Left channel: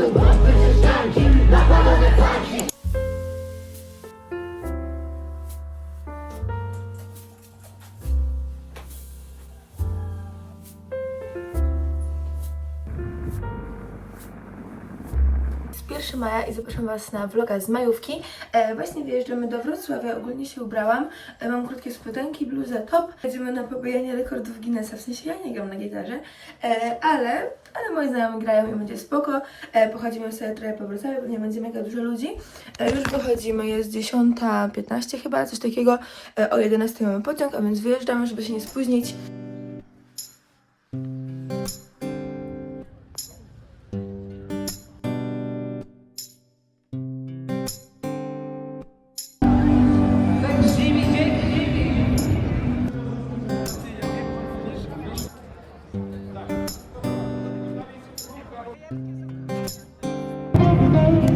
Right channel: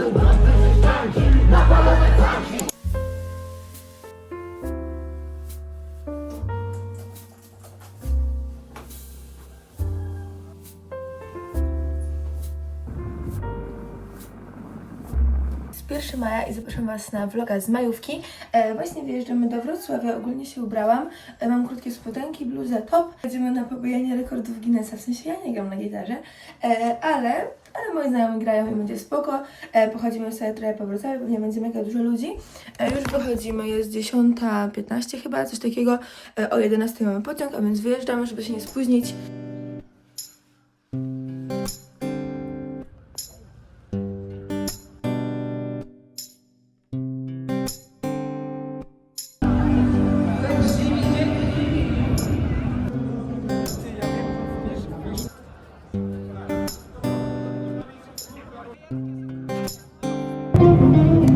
Jest 1 maja i zapraszam Was na vloga z majówki. E, właśnie wyjeżdżamy do Wrocławia, ogólnie się ubrałam. E, mam krótkie spodenki, bluzę, top. Jedziemy na pobijanie rekordów Guinnessa, w sensie ja nie gram na gitarze, e, ale, ale moi znajomi grają i będzie spoko. E, pochodzimy sobie trochę po Wrocławiu, bo nie będzie mega dużo ludzi. E, już wychodzimy, jest 10.15 chyba, coś takiego. E, o 11 mamy pociąg, a więc wyjeżdżamy, żeby się nie spóźnić. Jest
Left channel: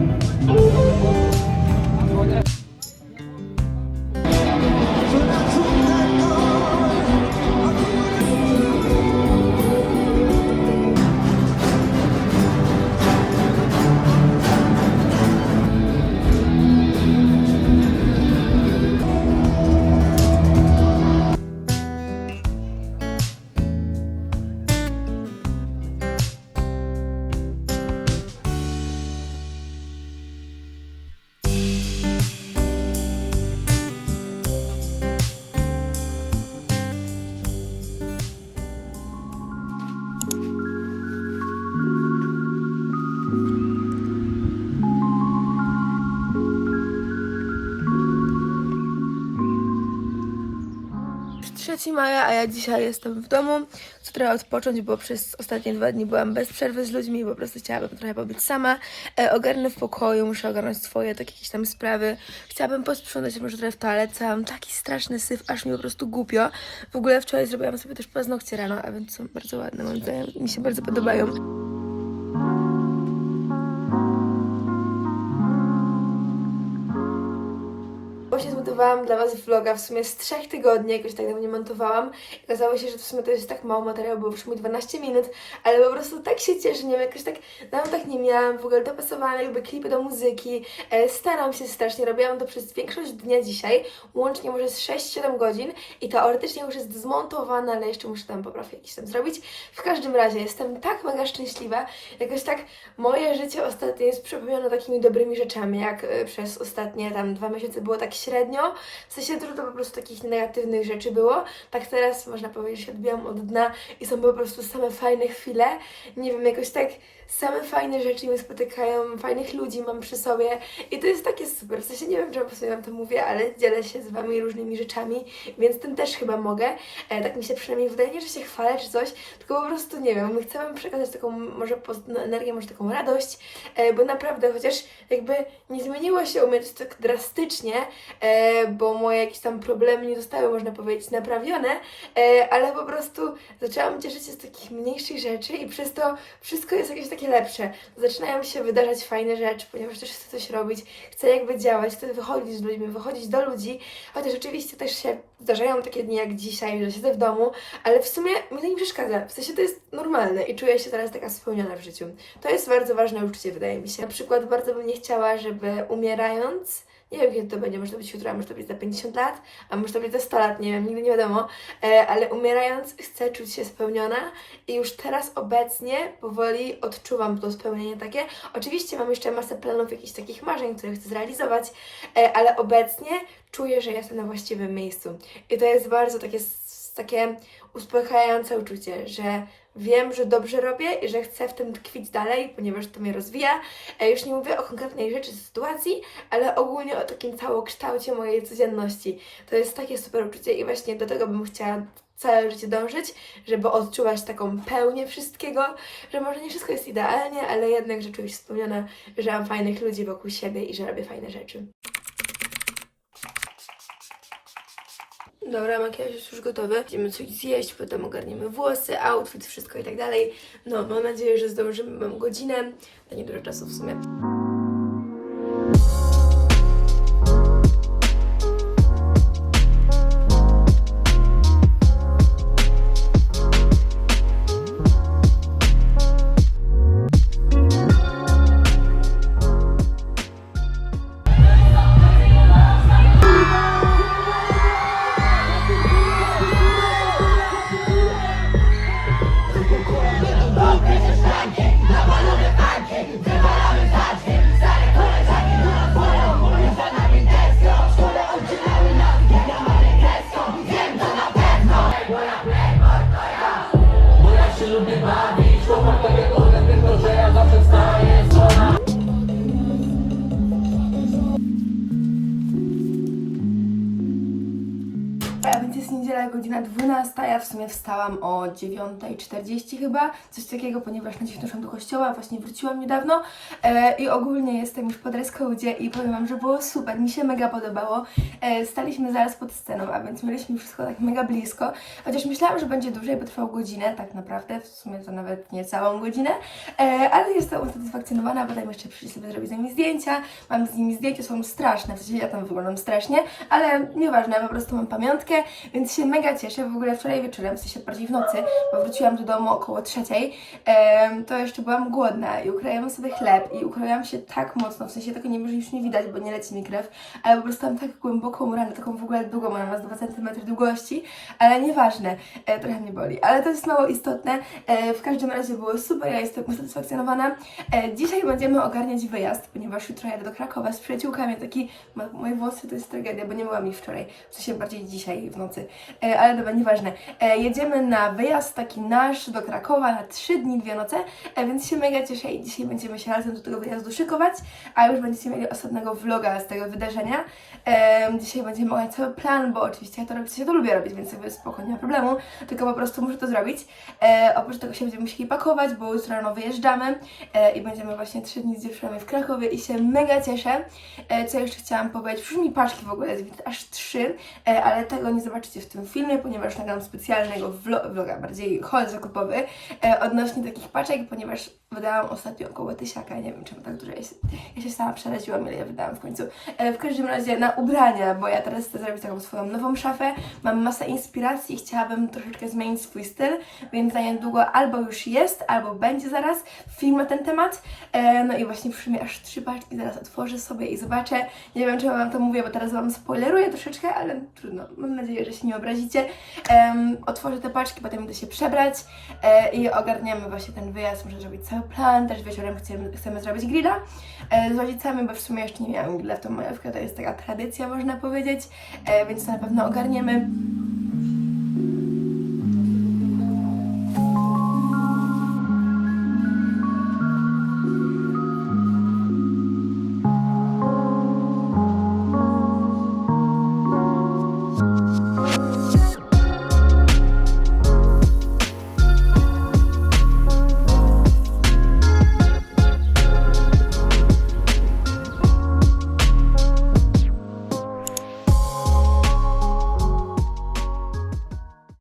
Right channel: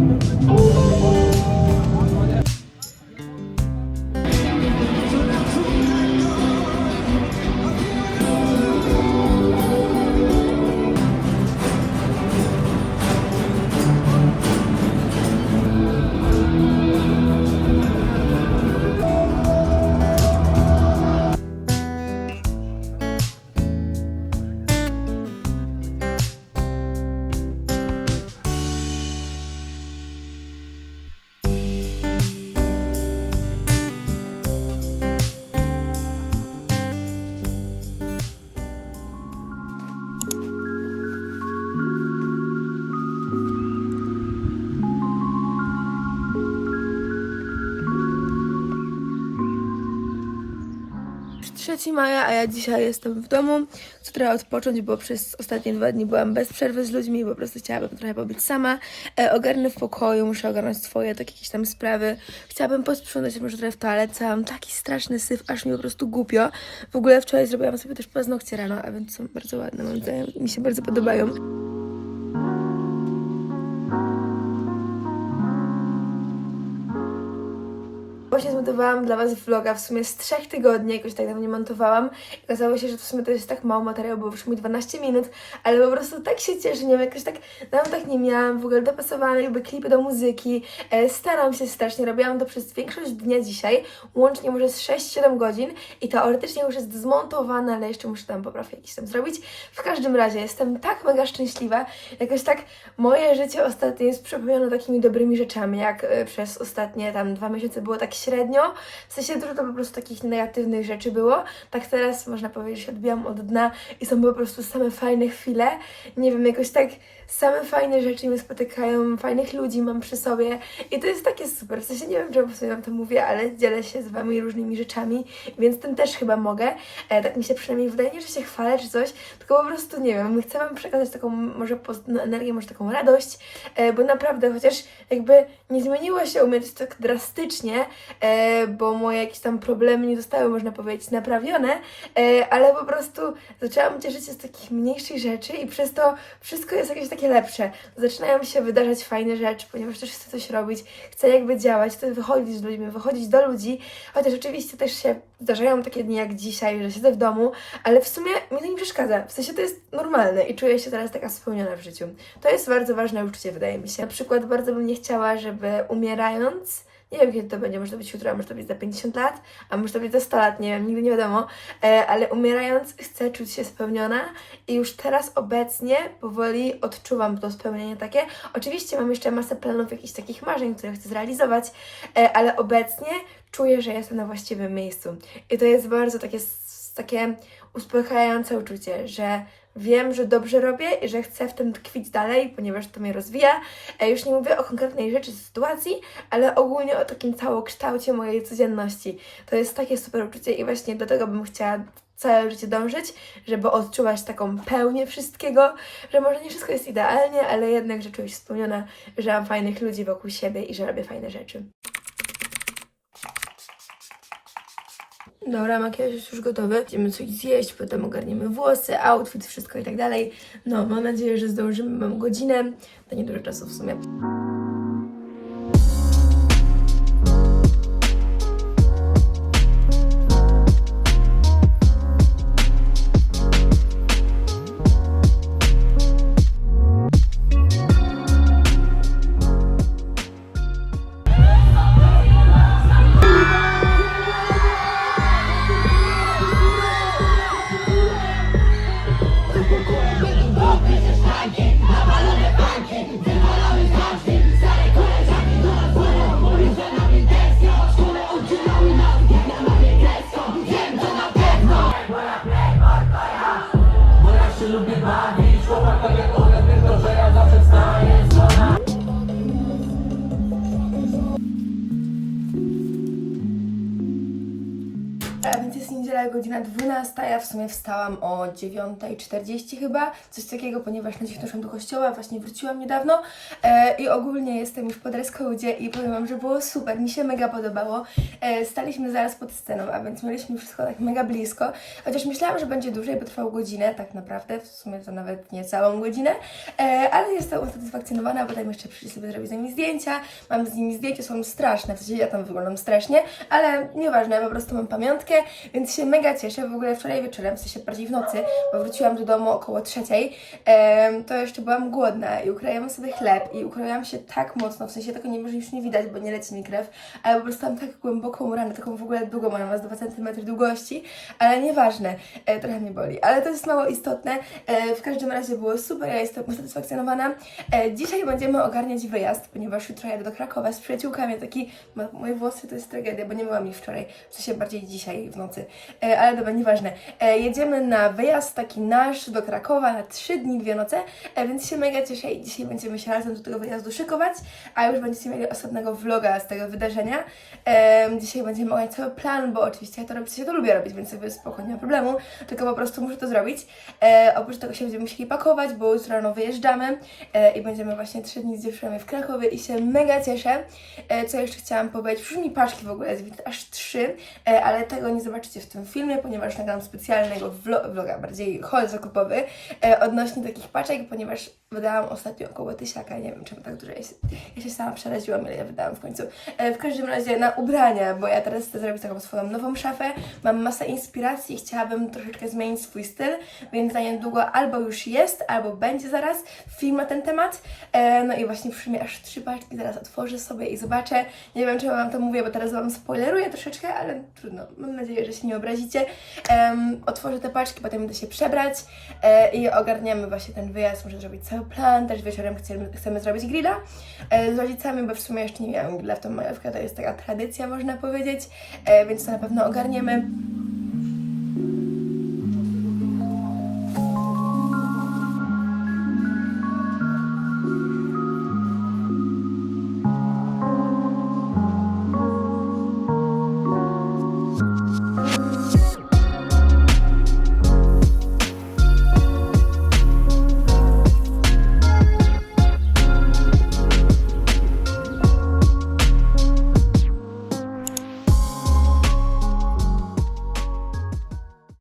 3 maja, a ja dzisiaj jestem w domu. Chcę trochę odpocząć, bo przez ostatnie dwa dni byłam bez przerwy z ludźmi po prostu chciałabym trochę pobyć sama. E, ogarnę w pokoju, muszę ogarnąć swoje takie jakieś tam sprawy. Chciałabym posprzątać może trochę w toalecie. Mam taki straszny syf, aż mi po prostu głupio. W ogóle wczoraj zrobiłam sobie też paznokcie rano, a więc są bardzo ładne, moim zdaniem. Mi się bardzo podobają. Zmontowałam dla Was vloga w sumie z trzech tygodni, jakoś tak dawno nie montowałam. Okazało się, że w sumie to jest tak mało materiału, bo już mi 12 minut, ale po prostu tak się cieszę, nie wiem, jakoś tak dawno tak nie miałam, w ogóle dopasowane jakby klipy do muzyki. E, staram się strasznie, robiłam to przez większość dnia dzisiaj, łącznie może z 6-7 godzin i teoretycznie już jest zmontowane, ale jeszcze muszę tam poprawki jakieś tam zrobić. W każdym razie jestem tak mega szczęśliwa, jakoś tak moje życie ostatnio jest przepełnione takimi dobrymi rzeczami, jak e, przez ostatnie tam dwa miesiące było tak średnio. W sensie dużo to po prostu takich negatywnych rzeczy było. Tak teraz można powiedzieć, że się odbijam od dna i są po prostu same fajne chwile. Nie wiem, jakoś tak same fajne rzeczy mnie spotykają, fajnych ludzi mam przy sobie i to jest takie super. W sensie nie wiem, czemu sobie wam to mówię, ale dzielę się z wami różnymi rzeczami, więc tym też chyba mogę. E, tak mi się przynajmniej wydaje, nie, że się chwalę czy coś, tylko po prostu nie wiem, chcę wam przekazać taką może pozytywną energię, może taką radość, e, bo naprawdę chociaż jakby nie zmieniło się u mnie tak drastycznie, e, bo moje jakieś tam problemy nie zostały, można powiedzieć, naprawione, e, ale po prostu zaczęłam cieszyć się z takich mniejszych rzeczy i przez to wszystko jest jakieś takie lepsze. Zaczynają się wydarzać fajne rzeczy, ponieważ też chcę coś robić, chcę jakby działać, chcę wychodzić z ludźmi, wychodzić do ludzi, chociaż oczywiście też się zdarzają takie dni jak dzisiaj, że siedzę w domu, ale w sumie mi to nie przeszkadza. W sensie to jest normalne i czuję się teraz taka spełniona w życiu. To jest bardzo ważne uczucie, wydaje mi się. Na przykład bardzo bym nie chciała, żeby umierając nie wiem, kiedy to będzie, może to być jutro, a może to być za 50 lat, a może to być za 100 lat, nie wiem, nigdy nie wiadomo, e, ale umierając chcę czuć się spełniona i już teraz obecnie powoli odczuwam to spełnienie takie. Oczywiście mam jeszcze masę planów, jakichś takich marzeń, które chcę zrealizować, e, ale obecnie czuję, że jestem na właściwym miejscu. I to jest bardzo takie, takie uspokajające uczucie, że wiem, że dobrze robię i że chcę w tym tkwić dalej, ponieważ to mnie rozwija. E, Już nie mówię o konkretnej rzeczy, sytuacji, ale ogólnie o takim całokształcie mojej codzienności. To jest takie super uczucie i właśnie do tego bym chciała całe życie dążyć, żeby odczuwać taką pełnię wszystkiego, że może nie wszystko jest idealnie, ale jednak, się spełniona, że mam fajnych ludzi wokół siebie i że robię fajne rzeczy. Dobra, makijaż jest już gotowy. Będziemy coś zjeść, potem ogarniemy włosy, outfit, wszystko i tak dalej. No, mam nadzieję, że zdążymy. Mam godzinę. To nie dużo czasu w sumie. W sumie wstałam o 9.40 chyba, coś takiego, ponieważ na dziś doszłam do kościoła, właśnie wróciłam niedawno e, i ogólnie jestem już po dress i powiem Wam, że było super, mi się mega podobało. E, staliśmy zaraz pod sceną, a więc mieliśmy wszystko tak mega blisko, chociaż myślałam, że będzie dłużej, bo trwał godzinę, tak naprawdę, w sumie to nawet nie całą godzinę, e, ale jestem usatysfakcjonowana, bo tam jeszcze przyszli sobie zrobić z nimi zdjęcia, mam z nimi zdjęcia, są straszne, w sensie ja tam wyglądam strasznie, ale nieważne, po prostu mam pamiątkę, więc się mega cieszę. W ogóle wczoraj wieczorem, w sensie bardziej w nocy, bo wróciłam do domu około trzeciej, to jeszcze byłam głodna i ukroiłam sobie chleb i ukroiłam się tak mocno, w sensie tego nie może już nie widać, bo nie leci mi krew, ale po prostu mam tak głęboką ranę, taką w ogóle długą, ona ma z 2 cm długości, ale nieważne, e, trochę mnie boli, ale to jest mało istotne. E, w każdym razie było super, ja jestem usatysfakcjonowana. E, dzisiaj będziemy ogarniać wyjazd, ponieważ jutro jadę do Krakowa z przyjaciółkami, taki, mo- moje włosy to jest tragedia, bo nie byłam ich wczoraj, w sensie bardziej dzisiaj w nocy, ale dobra, nieważne. E, jedziemy na wyjazd taki nasz do Krakowa na trzy dni, dwie noce, e, więc się mega cieszę i dzisiaj będziemy się razem do tego wyjazdu szykować, a już będziecie mieli osobnego vloga z tego wydarzenia. Dzisiaj będziemy omawiać cały plan, bo oczywiście ja to robić, ja to lubię robić, więc jakby spoko, nie ma problemu, tylko po prostu muszę to zrobić. E, oprócz tego się będziemy musieli pakować, bo jutro rano wyjeżdżamy i będziemy właśnie trzy dni z dziewczynami w Krakowie i się mega cieszę. Co jeszcze chciałam powiedzieć? Przyszły mi paczki w ogóle, aż trzy, ale tego nie zobaczycie w tym filmie, ponieważ nagram specjalnego vlo- vloga, bardziej haul zakupowy e, odnośnie takich paczek, ponieważ wydałam ostatnio około tysiaka, nie wiem czemu tak dużo, ja się, ja się sama przeraziłam, ile ja wydałam w końcu. E, w każdym razie na ubrania, bo ja teraz chcę zrobić taką swoją nową szafę, mam masę inspiracji, chciałabym troszeczkę zmienić swój styl, więc za niedługo albo już jest, albo będzie zaraz film na ten temat. E, no i właśnie przyszły mi aż trzy paczki, zaraz otworzę sobie i zobaczę. Nie wiem, czy wam to mówię, bo teraz wam spoileruję troszeczkę, ale trudno. Mam nadzieję, że się nie obrazicie. Em, otworzę te paczki, potem idę się przebrać e, i ogarniemy właśnie ten wyjazd. Muszę zrobić cały plan, też wieczorem chcemy, chcemy zrobić grilla e, z rodzicami, bo w sumie jeszcze nie miałam grilla w tą majówkę, to jest taka tradycja, można powiedzieć, e, więc to na pewno ogarniemy.